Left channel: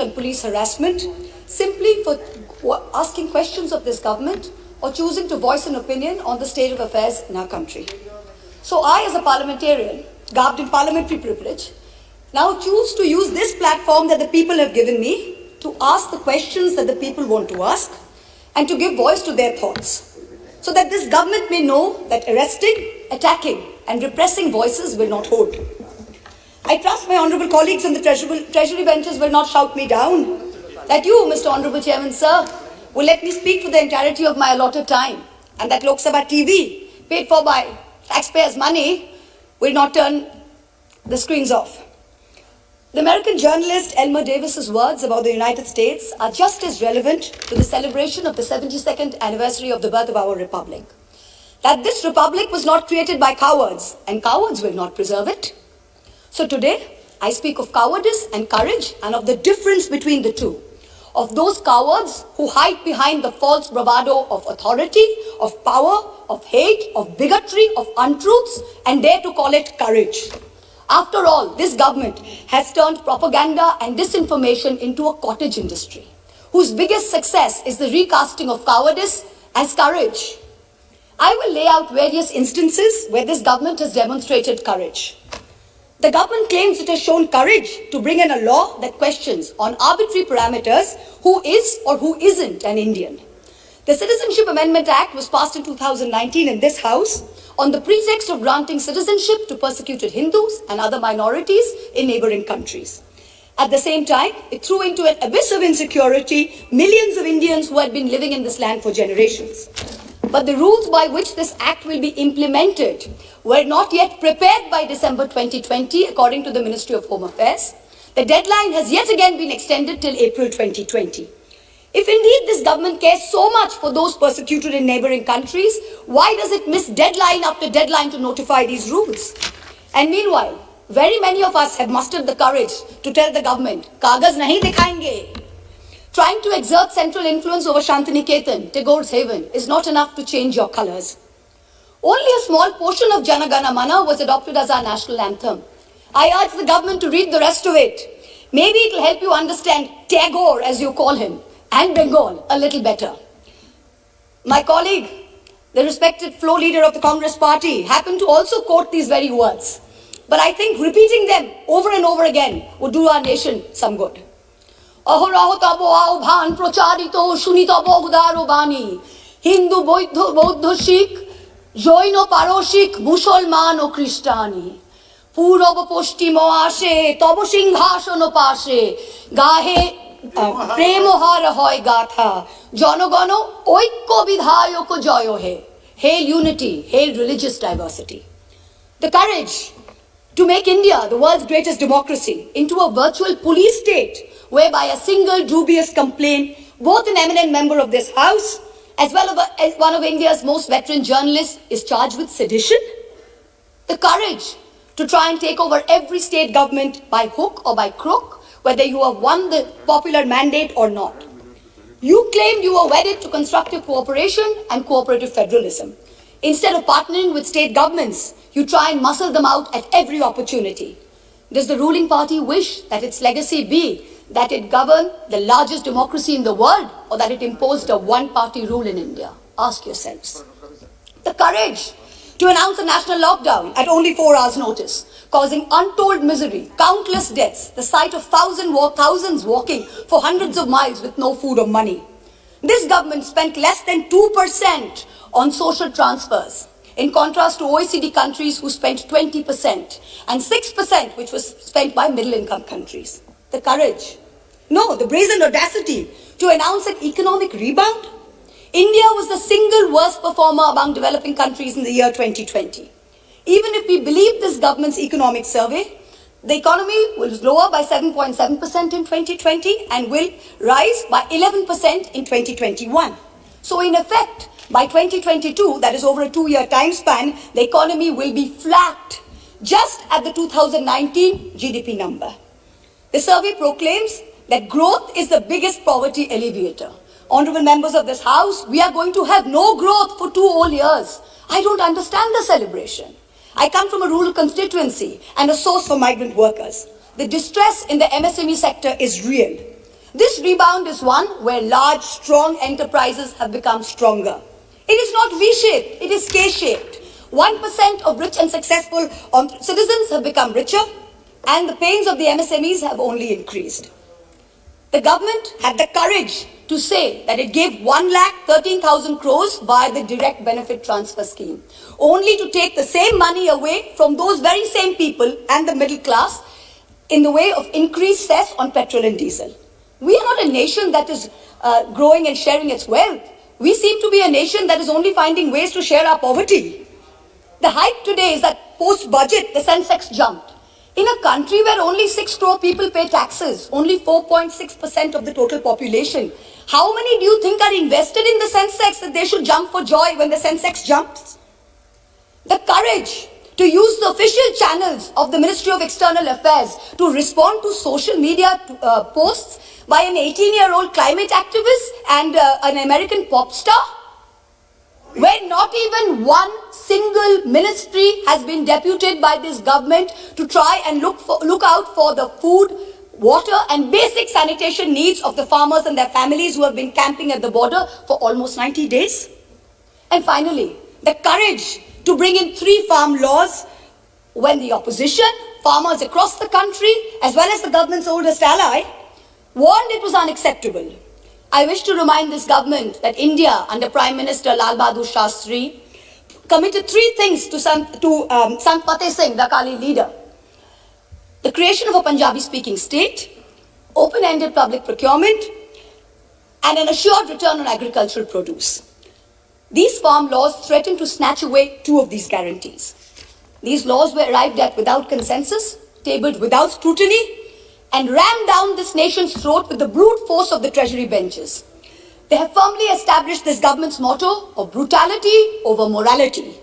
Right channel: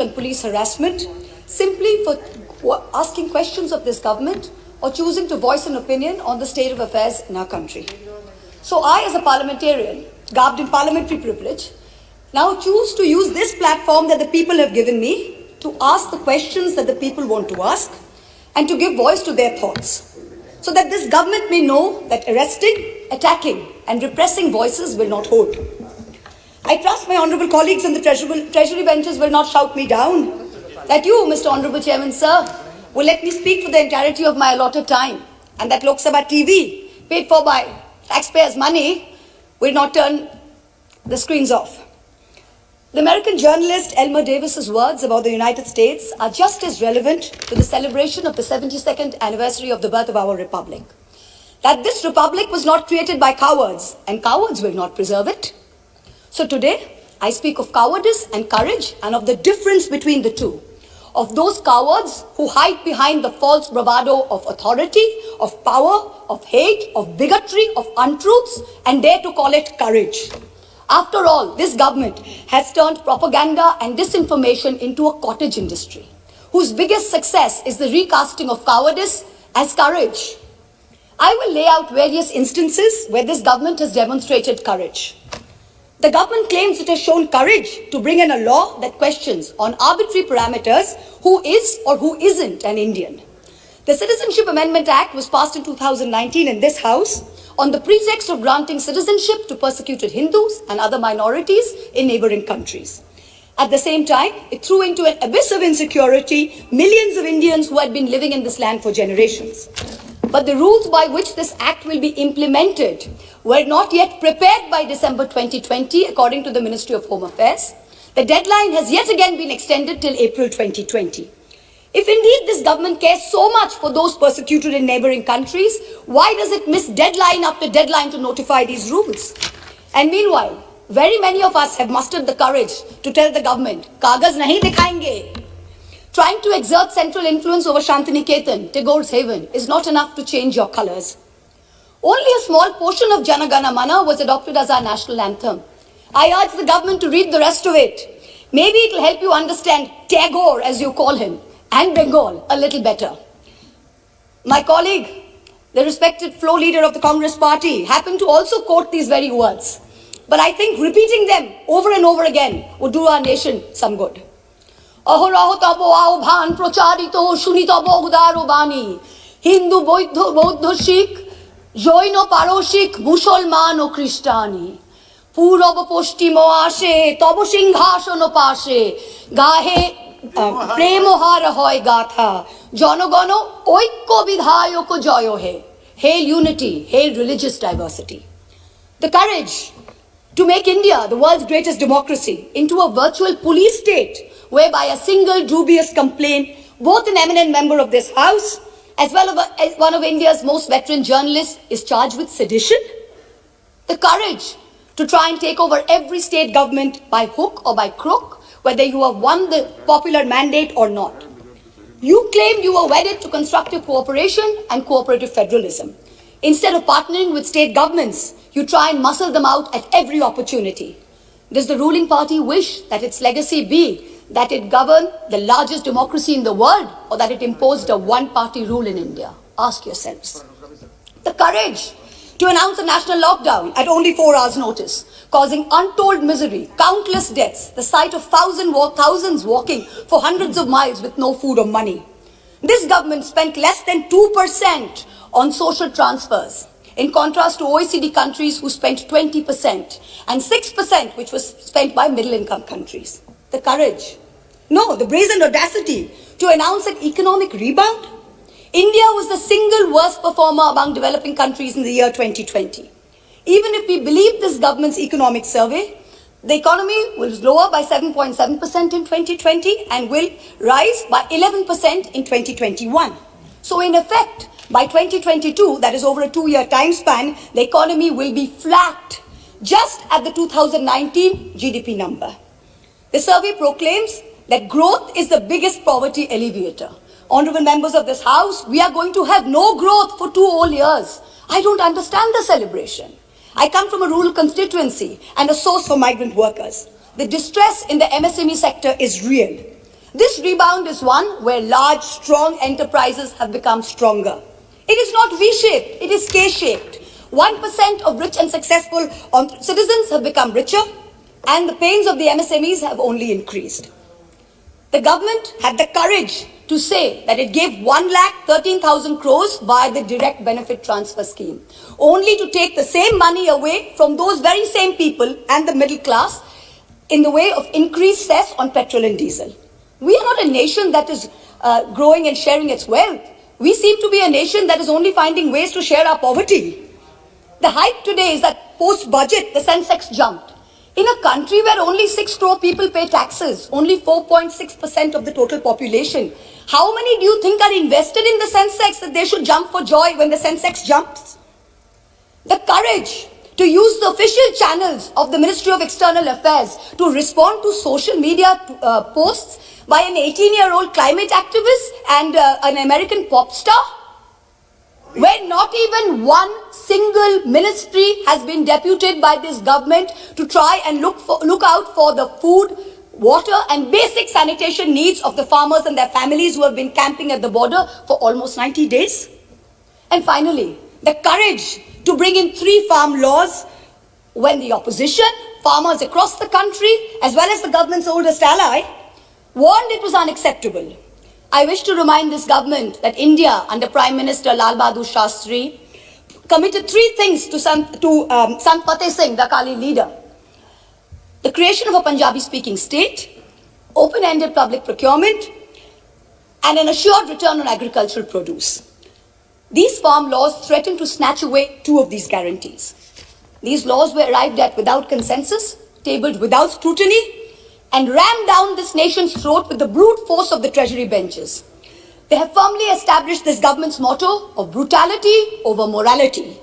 and police harassment simply for asking questions of this government or choosing to voice an opinion on the state of affairs in our country. So I, as a parliamentarian, garbed in parliamentary privilege, now choose to use this platform that the people have given me to ask the questions that the people want to ask and to give voice to their thoughts, so that this government may know that arresting, attacking and repressing voices will not hold. I trust my honourable colleagues on the treasury benches will not shout me down, that you, Mr. Honourable Chairman, sir, will let me speak for the entirety of my allotted time, and that Lok Sabha TV, paid for by taxpayers' money, will not turn the screens off. The American journalist Elmer Davis's words about the United States are just as relevant to the celebration of the 72nd anniversary of the birth of our republic. That this republic was not created by cowards, and cowards will not preserve it. So today, I speak of cowardice and courage, and of the difference between the two. Of those cowards who hide behind the false bravado of authority, of power, of hate, of bigotry, of untruths, and dare to call it courage. After all, this government has turned propaganda and disinformation into a cottage industry, whose biggest success is the recasting of cowardice as courage. I will lay out various instances where this government has demonstrated courage. The government claims it has shown courage to bring in a law that questions on arbitrary parameters who is or who isn't an Indian. The Citizenship Amendment Act was passed in 2019 in this House on the pretext of granting citizenship to persecuted Hindus and other minorities in neighboring countries. At the same time, it threw into an abyss of insecurity millions of Indians who had been living in this land for generations. But the rules by which this act will be implemented were not yet prepared by December 2020, according to the Ministry of Home Affairs. The deadline has yet again been extended till April 2020. If indeed this government cares so much for those persecuted in neighboring countries, why does it miss deadline after deadline to notify these rules? And meanwhile, very many of us have mustered the courage to tell the government, "Kagaz nahi dikhayenge." Trying to exert central influence over Shantiniketan, Tagore's haven, is not enough to change your colors. Only a small portion of Jana Gana Mana was adopted as our national anthem. I urge the government to read the rest of it. Maybe it will help you understand Tagore, as you call him, and Bengal a little better. My colleague, the respected floor leader of the Congress party, happened to also quote these very words. But I think repeating them over and over again would do our nation some good. অহরহ তব আহ্বান প্রচারিত শুনিতব উদার বাণী হিন্দু বৌদ্ধ শিখ জৈন পারসিক মুসলমান ও খ্রিস্টানি পূরব পশ্চিম আসে তব সিংহাসন পাশে গাহে প্রেমহার হয় গাথা জনগণ ঐক্য বিধায়ক জয় হে. Hail unity, hail religious diversity. The courage to make India, the world's greatest democracy, into a virtual police state whereby a single dubious complaint, both an eminent member of this House as well as one of India's most veteran journalists, is charged with sedition. The courage to try and take over every state government by hook or by crook, whether you have won the popular mandate or not. You claimed you were wedded to constructive cooperation and cooperative federalism. Instead of partnering with state governments, you try and muscle them out at every opportunity. Does the ruling party wish that its legacy be that it governed the largest democracy in the world, or that it imposed a one-party rule in India? Ask yourselves. The courage to announce a national lockdown at only 4 hours' notice, causing untold misery, countless deaths, the sight of thousands walking for hundreds of miles with no food or money. This government spent less than 2% on social transfers, in contrast to OECD countries who spent 20%, and 6% which was spent by middle-income countries. The courage, no, the brazen audacity to announce an economic rebound. India was the single worst performer among developing countries in the year 2020. Even if we believe this government's economic survey, the economy was lower by 7.7% in 2020 and will rise by 11% in 2021. So in effect, by 2022, that is over a 2-year time span, the economy will be flat, just at the 2019 GDP number. The survey proclaims that growth is the biggest poverty alleviator. Honorable members of this House, we are going to have no growth for 2 whole years. I don't understand the celebration. I come from a rural constituency and a source for migrant workers. The distress in the MSME sector is real. This rebound is one where large, strong enterprises have become stronger. It is not V-shaped, it is K-shaped. 1% of rich and successful citizens have become richer, and the pains of the MSMEs have only increased. The government had the courage to say that it gave 1,13,000 crores via the direct benefit transfer scheme, only to take the same money away from those very same people and the middle class in the way of increased cess on petrol and diesel. We are not a nation that is growing and sharing its wealth. We seem to be a nation that is only finding ways to share our poverty. The hype today is that post-budget, the Sensex jumped. In a country where only 6 crore people pay taxes, only 4.6% of the total population, how many do you think are invested in the Sensex that they should jump for joy when the Sensex jumps? The courage to use the official channels of the Ministry of External Affairs to respond to social media posts by an 18-year-old climate activist and an American pop star, where not even one single ministry has been deputed by this government to try and look out for the food, water and basic sanitation needs of the farmers and their families who have been camping at the border for almost 90 days. And finally, the courage to bring in 3 farm laws when the opposition, farmers across the country, as well as the government's oldest ally, warned it was unacceptable. I wish to remind this government that India, under Prime Minister Lal Bahadur Shastri, committed 3 things to Sant Fateh Singh, the Akali leader. The creation of a Punjabi-speaking state, open-ended public procurement, and an assured return on agricultural produce. These farm laws threaten to snatch away 2 of these guarantees. These laws were arrived at without consensus, tabled without scrutiny, and rammed down this nation's throat with the brute force of the treasury benches. They have firmly established this government's motto of brutality over morality.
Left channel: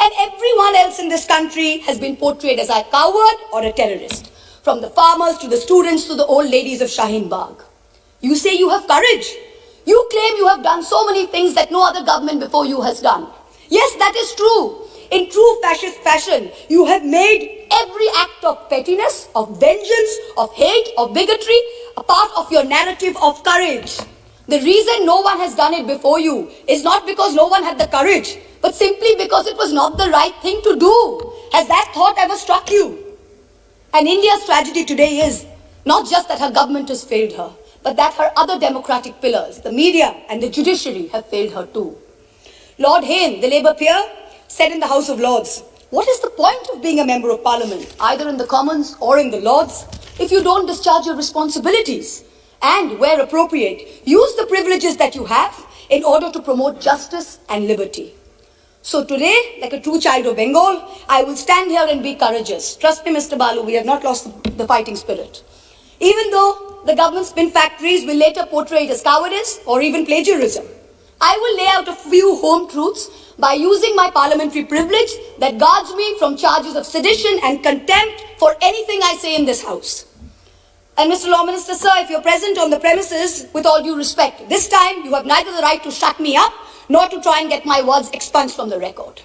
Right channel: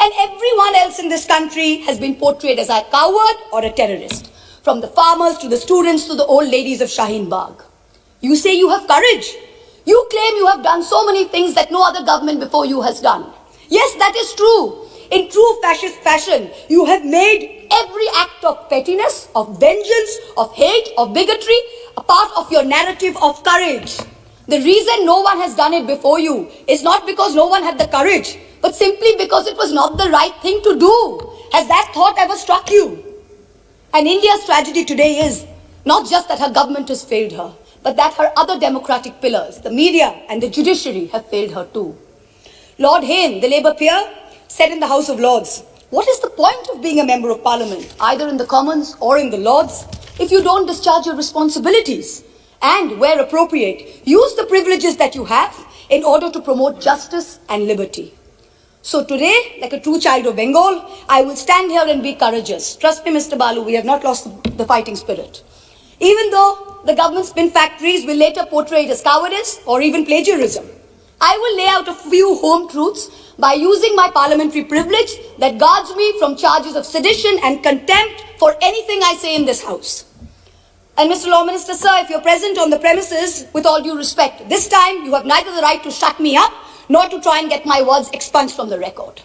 And everyone else in this country has been portrayed as a coward or a terrorist, from the farmers to the students to the old ladies of Shaheen Bagh. You say you have courage. You claim you have done so many things that no other government before you has done. Yes, that is true. In true fascist fashion, you have made every act of pettiness, of vengeance, of hate, of bigotry a part of your narrative of courage. The reason no one has done it before you is not because no one had the courage, but simply because it was not the right thing to do. Has that thought ever struck you? And India's tragedy today is not just that her government has failed her, but that her other democratic pillars, the media and the judiciary, have failed her too. Lord Hayne, the Labour peer, said in the House of Lords, what is the point of being a member of Parliament, either in the Commons or in the Lords, if you don't discharge your responsibilities? And, where appropriate, use the privileges that you have in order to promote justice and liberty. So today, like a true child of Bengal, I will stand here and be courageous. Trust me, Mr. Balu, we have not lost the fighting spirit. Even though the government spin factories will later portray it as cowardice or even plagiarism, I will lay out a few home truths by using my parliamentary privilege that guards me from charges of sedition and contempt for anything I say in this house. And Mr. Law Minister, sir, if you're present on the premises, with all due respect, this time you have neither the right to shut me up nor to try and get my words expunged from the record.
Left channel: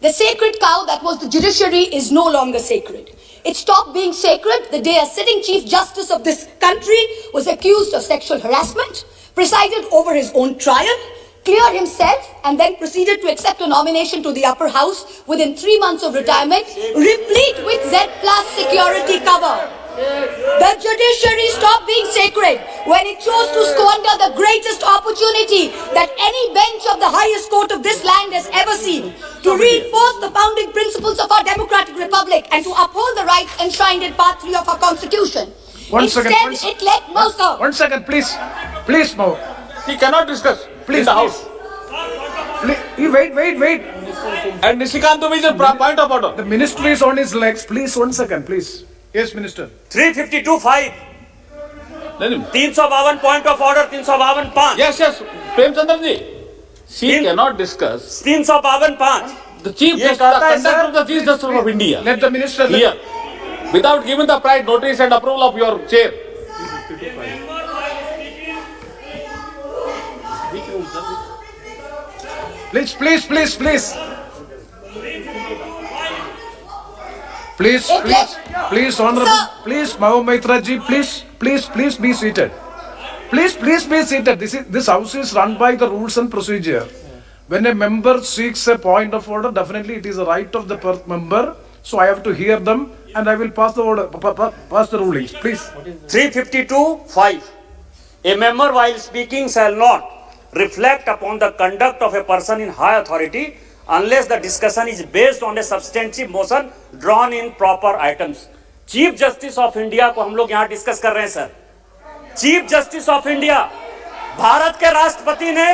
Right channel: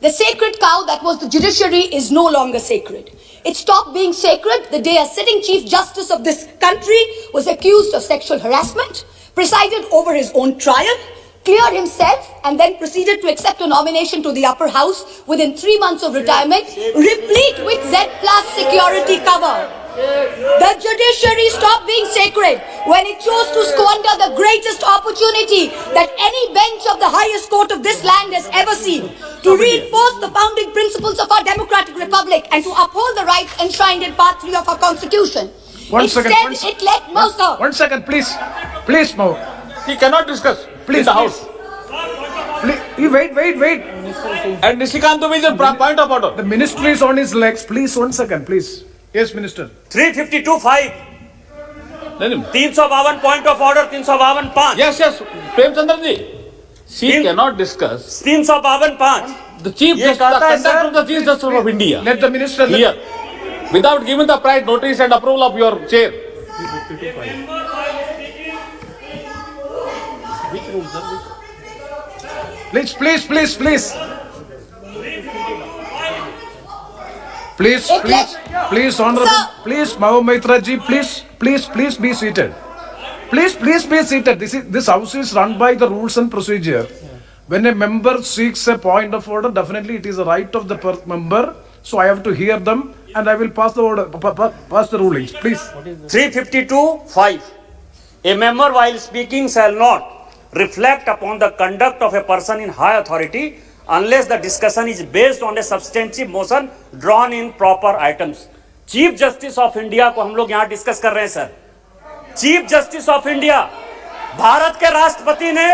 The sacred cow that was the judiciary is no longer sacred. It stopped being sacred the day a sitting Chief Justice of this country was accused of sexual harassment, presided over his own trial, cleared himself, and then proceeded to accept a nomination to the upper house within 3 months of retirement, replete with Z+ security cover. The judiciary stopped being sacred when it chose to squander the greatest opportunity that any bench of the highest court of this land has ever seen to reinforce the founding principles of our democratic republic and to uphold the rights enshrined in Part 3 of our constitution. One second, it let Moscow. 1 second, please. Please, Mo. He cannot discuss Please, in the house. Wait. And Nishikant is a point of order. The minister is on his legs. Please, 1 second, please. Yes, minister. 352(5) 352 point of order 352(5). Yes. Premchandra ji. She cannot discuss. 352(5). The Chief Justice, the conduct of the Chief Justice of India. Let the minister. Here. Without giving the prior notice and approval of your chair. Please. Please, honorable. Sir. Please, Mahou Maitra ji, please be seated. Please be seated. This house is run by the rules and procedure. When a member seeks a point of order, definitely it is a right of the member. So I have to hear them, and I will pass the order, pass the rulings. Please. 352(5). A member while speaking shall not reflect upon the conduct of a person in high authority unless the discussion is based on a substantive motion drawn in proper items. Chief justice of India को हम लोग यहाँ discuss कर रहे हैं sir. Chief justice of India, Bharat के राष्ट्रपति ने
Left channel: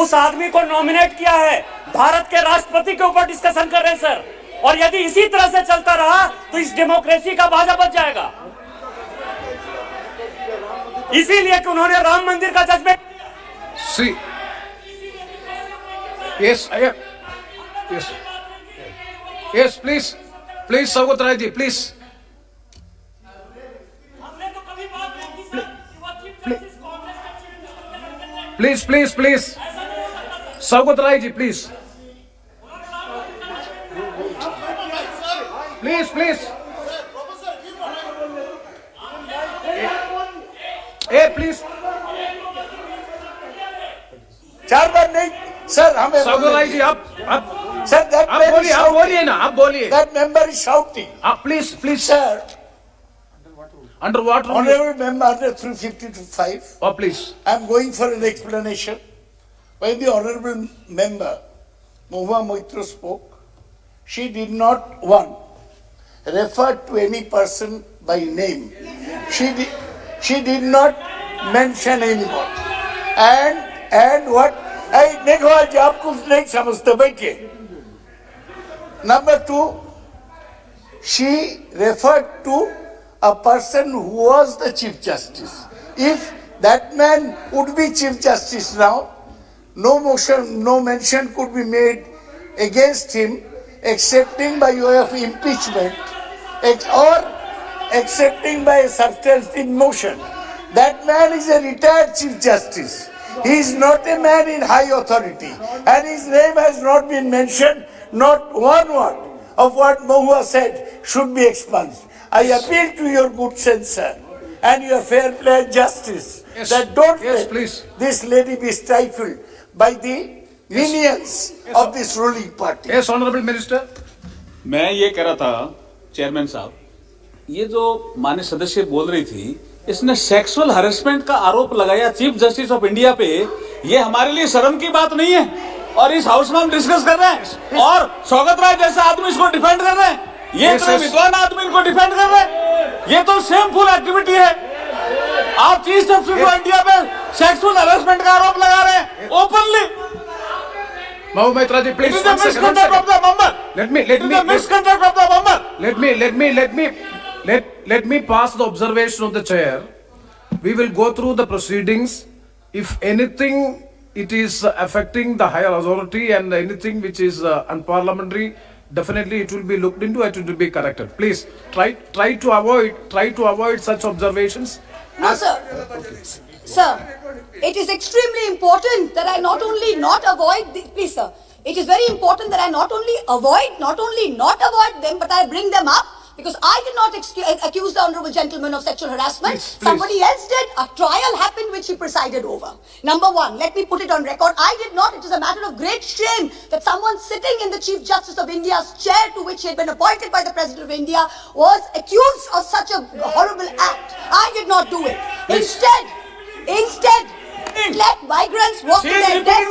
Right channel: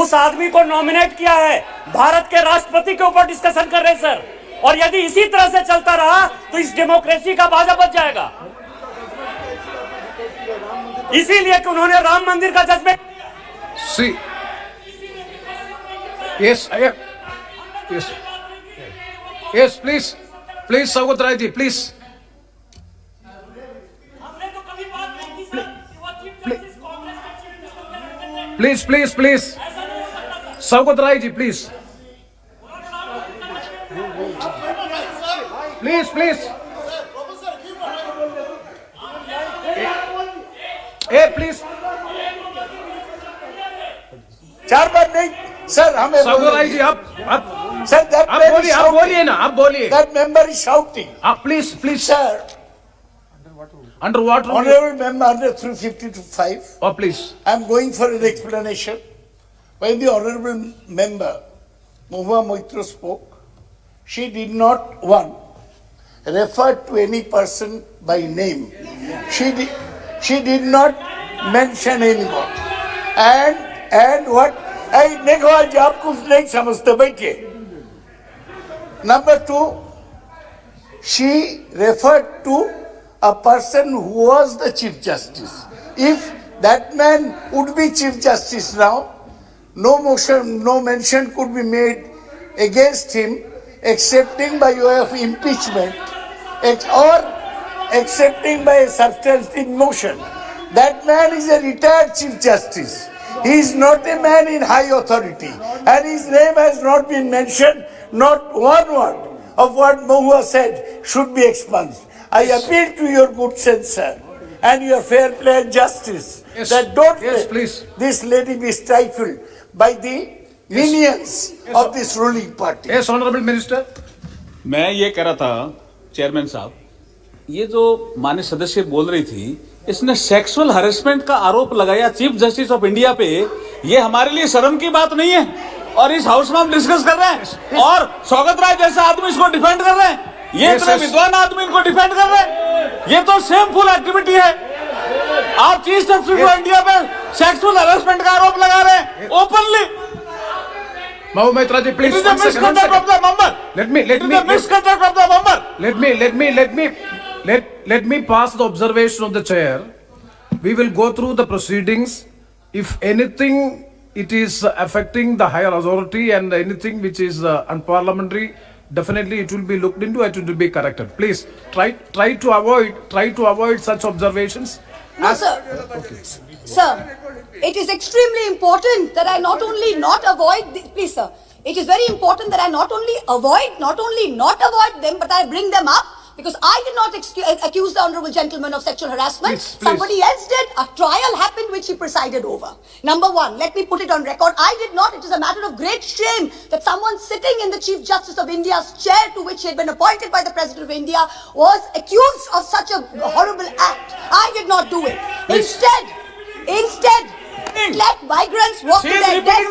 उस आदमी को नॉमिनेट किया है, भारत के राष्ट्रपति के ऊपर डिस्कशन कर रहे हैं सर। और यदि इसी तरह से चलता रहा तो इस डेमोक्रेसी का बाजा बच जाएगा। इसीलिए कि उन्होंने राम मंदिर का judgement See. Yes, I am. Yes. Yes, please. Please, Saugat Rai ji, please. Please. Saugat Rai ji, please. Please. Hey, please. चार बार नहीं सर, हमें Saugat Rai ji, आप सर बोलिए ना, आप बोलिए. That member is shouting. Please. Sir, Under what rule? honorable member under 352(5), Oh, please. I am going for an explanation. When the honorable member Mahua Moitra spoke, she did not refer to any person by name. She did not mention anyone. And what? देखो आज आप कुछ नहीं समझते, बैठिए। Number 2, she referred to a person who was the Chief Justice. If that man would be Chief Justice now, no mention could be made against him excepting by way of impeachment or accepting by a substantive motion. That man is a retired Chief Justice. He is not a man in high authority, and his name has not been mentioned. Not one word of what Mahua said should be expunged. I appeal to your good sense, sir, and your fair play and justice, that don't let please. this lady be stifled by the minions of this ruling party. Yes, Honorable Minister. मैं ये कह रहा था chairman साहब, ये जो माननीय सदस्य बोल रही थी, इसने सेक्सुअल हरेसमेंट का आरोप लगाया चीफ जस्टिस ऑफ इंडिया पे। ये हमारे लिए शर्म की बात नहीं है, और इस हाउस में हम डिस्कस कर रहे हैं, और सौगत राय जैसा आदमी इसको डिफेंड कर रहे हैं। ये इतने विद्वान आदमी इनको डिफेंड कर रहे हैं। ये तो शेमफुल एक्टिविटी है। आप चीफ जस्टिस ऑफ इंडिया पे सेक्सुअल हरेसमेंट का आरोप लगा रहे हैं openly. Mahua Moitra ji, please. It is the misconduct of the member. Let me pass the observation of the chair. We will go through the proceedings. If anything it is affecting the higher authority and anything which is unparliamentary, definitely it will be looked into. It will be corrected. Please try to avoid such observations. No, sir. Sir, it is extremely important that I not only not avoid please, sir. It is very important that I not only not avoid them, but I bring them up, because I did not accuse the honorable gentleman of sexual harassment. Please. Somebody else did. A trial happened which he presided over. Number one, let me put it on record. I did not. It is a matter of great shame that someone sitting in the Chief Justice of India's chair, to which he had been appointed by the President of India, was accused of such a horrible act. I did not do it. Instead, let migrants walk to their deaths.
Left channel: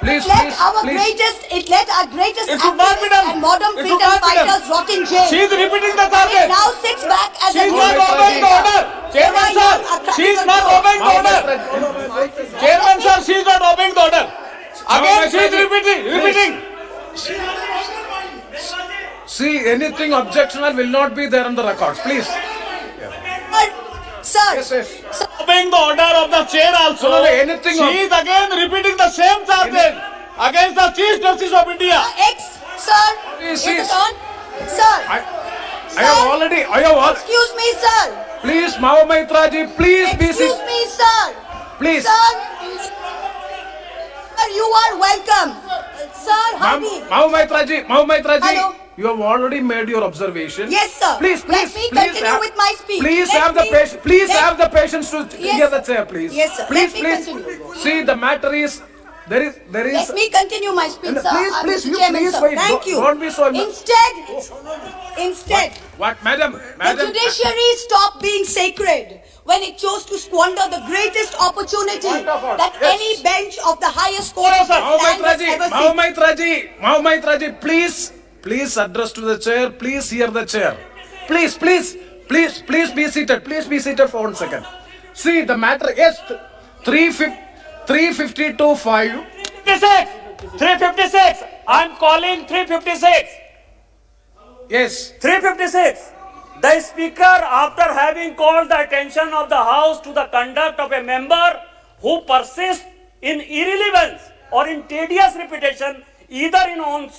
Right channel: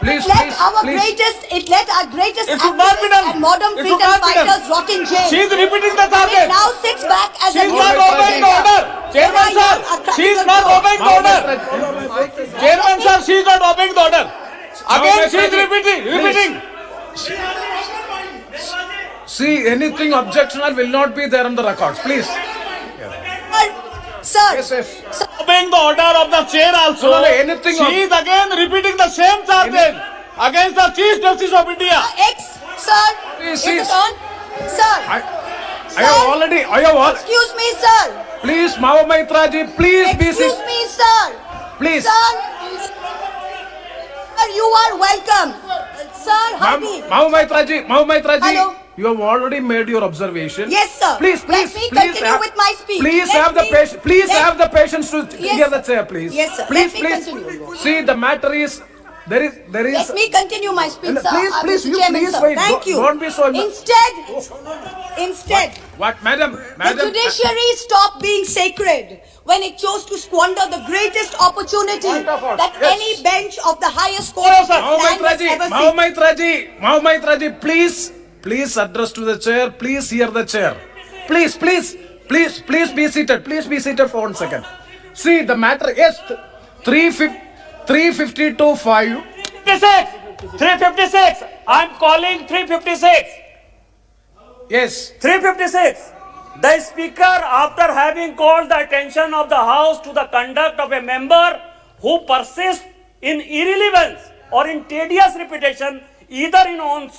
Please. It let our greatest It should not be done. and modern It freedom should not be done. fighters rot in jail. She is repeating the It target. now sits back as She a is not obeying the order. Chairman sir, she is not obeying the order. Chairman sir, she is not obeying the order. Again, she is repeating. See, anything objectionable will not be there on the records. Please. Sir, Yes. sir, Obeying the order of the chair also. No, anything She is again repeating the same charges against the Chief Justice of India. sir, Please, is it please. on? Sir, I have already. excuse me, sir. Please, Mahua Moitra ji, please be Excuse seated. me, sir. Please. Sir, you are welcome. Sir, honey. Mahua Moitra ji, Hello. You have already made your observation. Yes, sir. Please, Let please, me please continue with my speech. Please Let have the me- patience. Please let- have the patience to Yes, hear the sir. chair, please. Yes, sir. Please, Let me please. continue. See, the matter is there is. Let me continue my speech, And sir. please, Mr. you Chairman, please sir. wait. Thank you. Don't be so. Instead, What, madam? the Madam. judiciary stopped being sacred when it chose to squander the greatest opportunity Point of order. that Yes. any bench of the highest court of this land has ever seen. Mahomet Raji, please address to the chair. Please hear the chair. Please be seated. Please be seated for 1 second. See, the matter is 352-5. 356. I'm calling 356. Yes. 356. The Speaker, after having called the attention of the House to the conduct of a member who persists in irrelevance or in tedious repetition, either in own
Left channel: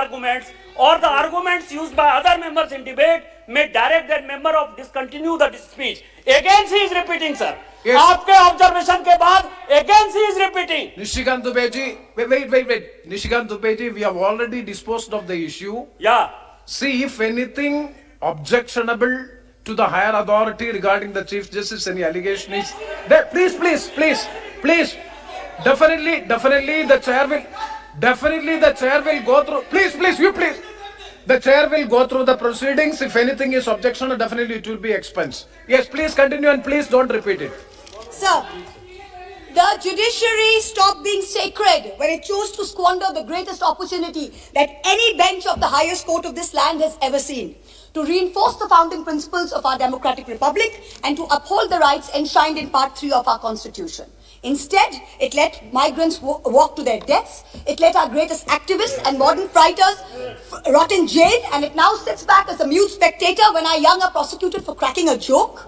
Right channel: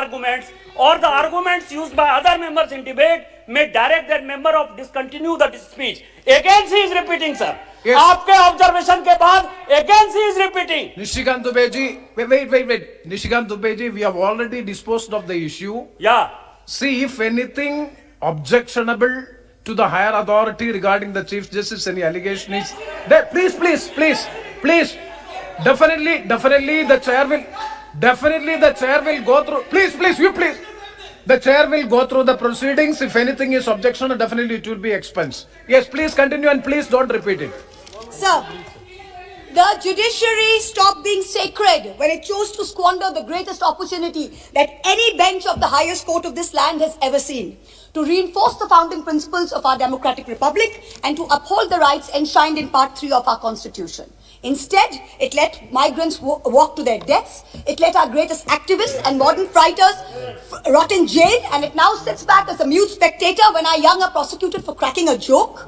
arguments or the arguments used by other members in debate, may direct that member of discontinue the speech. Again, he is repeating, sir. Yes. आपके observation के बाद again he is repeating. Nishikant Dubeji, wait. Nishikant Dubeji, we have already disposed of the issue. Yeah. See, if anything objectionable to the higher authority regarding the Chief Justice, any allegation is there, please. Definitely the chair will go through. Please. The chair will go through the proceedings. If anything is objection, definitely it will be expense. Yes, please continue and please don't repeat it. Sir, the judiciary stopped being sacred when it chose to squander the greatest opportunity that any bench of the highest court of this land has ever seen to reinforce the founding principles of our democratic republic and to uphold the rights enshrined in Part 3 of our Constitution. Instead, it let migrants walk to their deaths, it let our greatest activists and modern fighters rot in jail, and it now sits back as a mute spectator when our young are prosecuted for cracking a joke.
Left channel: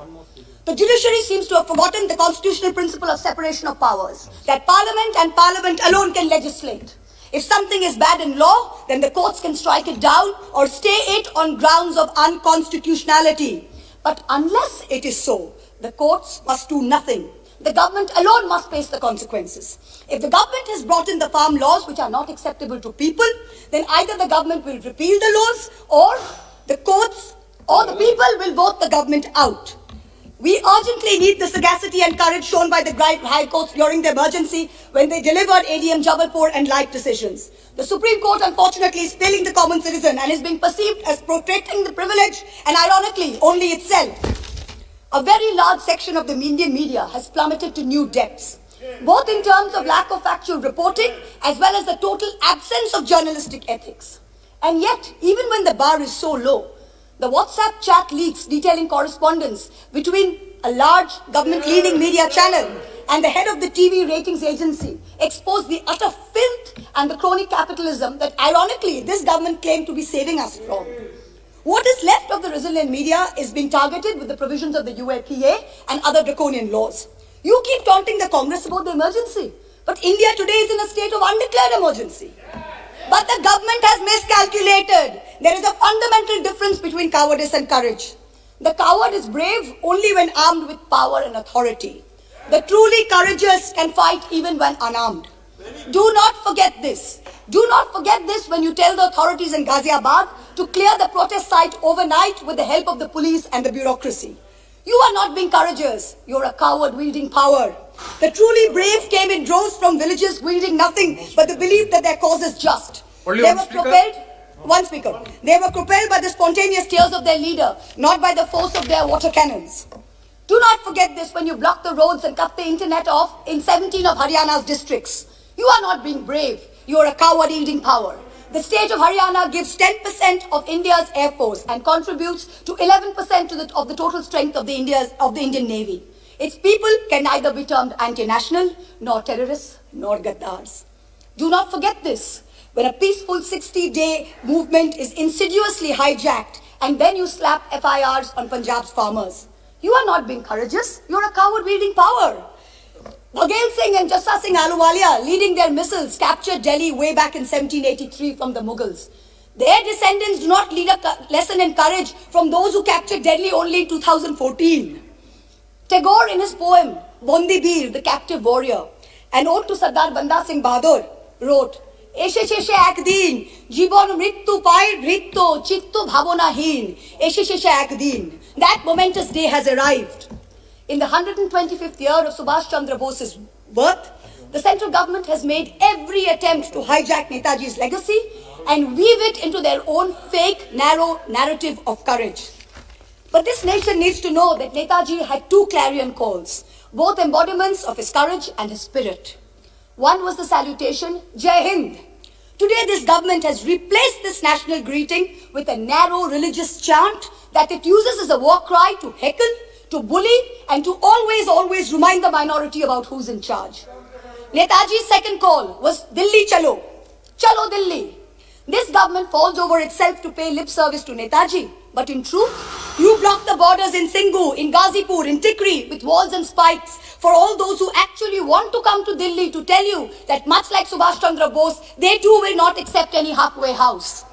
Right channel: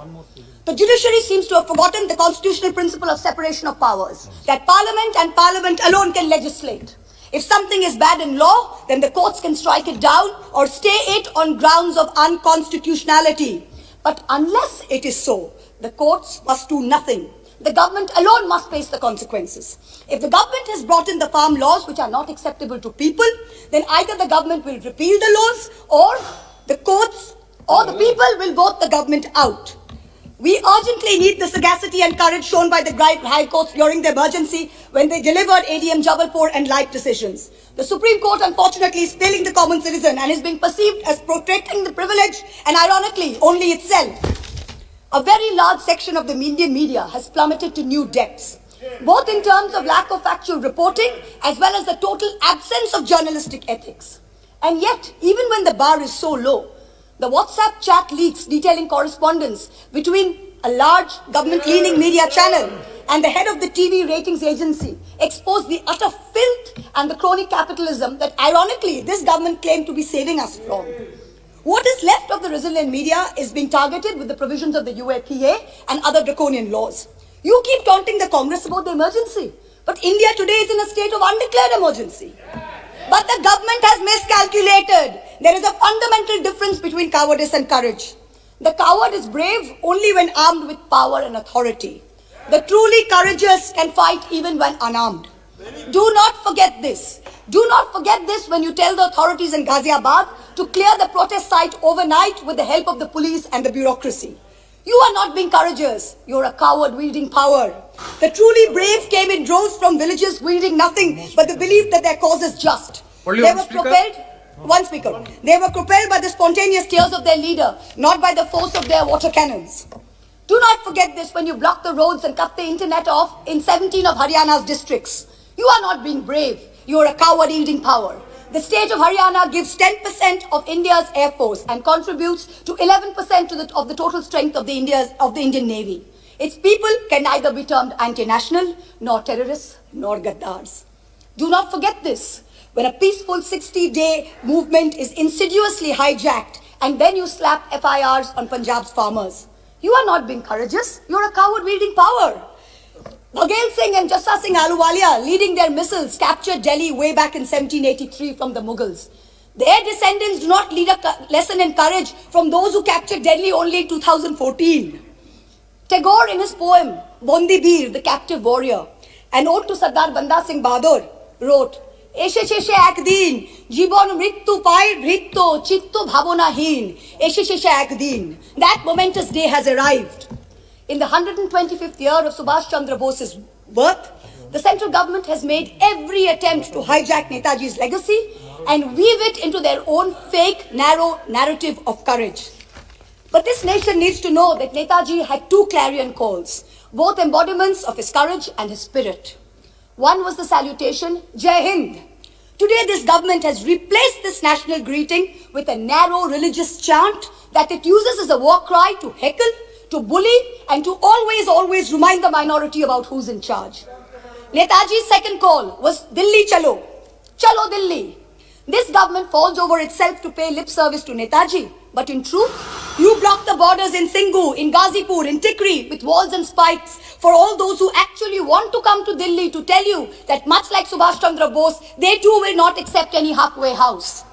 The judiciary seems to have forgotten the constitutional principle of separation of powers, that Parliament and Parliament alone can legislate. If something is bad in law, then the courts can strike it down or stay it on grounds of unconstitutionality. But unless it is so, the courts must do nothing. The government alone must face the consequences. If the government has brought in the farm laws which are not acceptable to people, then either the government will repeal the laws or the courts or the people will vote the government out. We urgently need the sagacity and courage shown by the high courts during the emergency when they delivered ADM Jabalpur and light decisions. The Supreme Court, unfortunately, is failing the common citizen and is being perceived as protecting the privilege and, ironically, only itself. A very large section of the Indian media has plummeted to new depths, both in terms of lack of factual reporting as well as the total absence of journalistic ethics. And yet, even when the bar is so low, the WhatsApp chat leaks detailing correspondence between a large government-leaning media channel and the head of the TV ratings agency expose the utter filth and the crony capitalism that, ironically, this government claimed to be saving us from. What is left of the resilient media is being targeted with the provisions of the UAPA and other draconian laws. You keep taunting the Congress about the emergency, but India today is in a state of undeclared emergency. But the government has miscalculated. There is a fundamental difference between cowardice and courage. The coward is brave only when armed with power and authority. The truly courageous can fight even when unarmed. Do not forget this. Do not forget this when you tell the authorities in Ghaziabad to clear the protest site overnight with the help of the police and the bureaucracy. You are not being courageous. You are a coward wielding power. The truly brave came in droves from villages wielding nothing but the belief that their cause is just. Only They one were speaker? propelled. One speaker. They were propelled by the spontaneous tears of their leader, not by the force of their water cannons. Do not forget this when you block the roads and cut the internet off in 17 of Haryana's districts. You are not being brave. You are a coward wielding power. The state of Haryana gives 10% of India's air force and contributes to 11% of the total strength of the Indian Navy. Its people can neither be termed anti-national, nor terrorists, nor gaddars. Do not forget this. When a peaceful 60-day movement is insidiously hijacked and then you slap FIRs on Punjab's farmers, you are not being courageous. You are a coward wielding power. Bhagal Singh and Jassa Singh Ahluwalia, leading their missiles, captured Delhi way back in 1783 from the Mughals. Their descendants do not lead a lesson in courage from those who captured Delhi only in 2014. Tagore, in his poem, Bondi Bir, the Captive Warrior, an ode to Sardar Banda Singh Bahadur, wrote, এসে শেষে একদিন জীবন মৃত্যু পায় ভৃত্য চিত্ত ভাবনাহীন এসে শেষে একদিন that momentous day has arrived. In the 125th year of Subhash Chandra Bose's birth, the central government has made every attempt to hijack Netaji's legacy and weave it into their own fake, narrow narrative of courage. But this nation needs to know that Netaji had two clarion calls, both embodiments of his courage and his spirit. One was the salutation, Jai Hind. Today this government has replaced this national greeting with a narrow religious chant that it uses as a war cry to heckle, to bully, and to always remind the minority about who's in charge. Netaji's second call was Delhi Chalo. Chalo Delhi. This government falls over itself to pay lip service to Netaji. But in truth, you block the borders in Singhu, in Ghazipur, in Tikri with walls and spikes for all those who actually want to come to Delhi to tell you that much like Subhash Chandra Bose, they too will not accept any halfway house.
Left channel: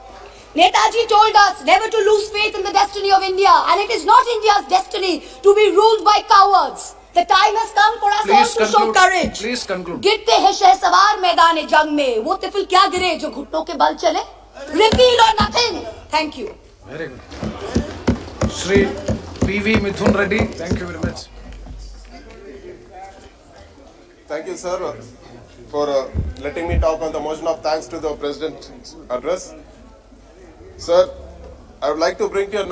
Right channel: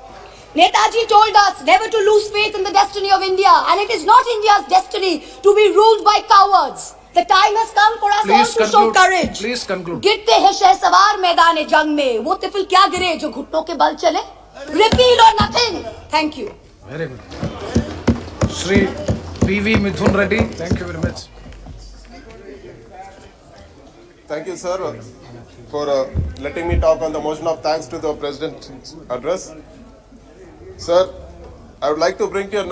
Netaji told us never to lose faith in the destiny of India, and it is not India's destiny to be ruled by cowards. The time has come for us all to show courage. Please conclude. गिरते हैं शहसवार मैदान जंग में वो तिफिल क्या गिरे जो घुटनों के बल चले Repeal or nothing. Thank you. Very good. Shri P.V. Mithun Reddy, thank you very much. Thank you, sir, for letting me talk on the motion of thanks to the President's address. Sir, I would like to bring to your notice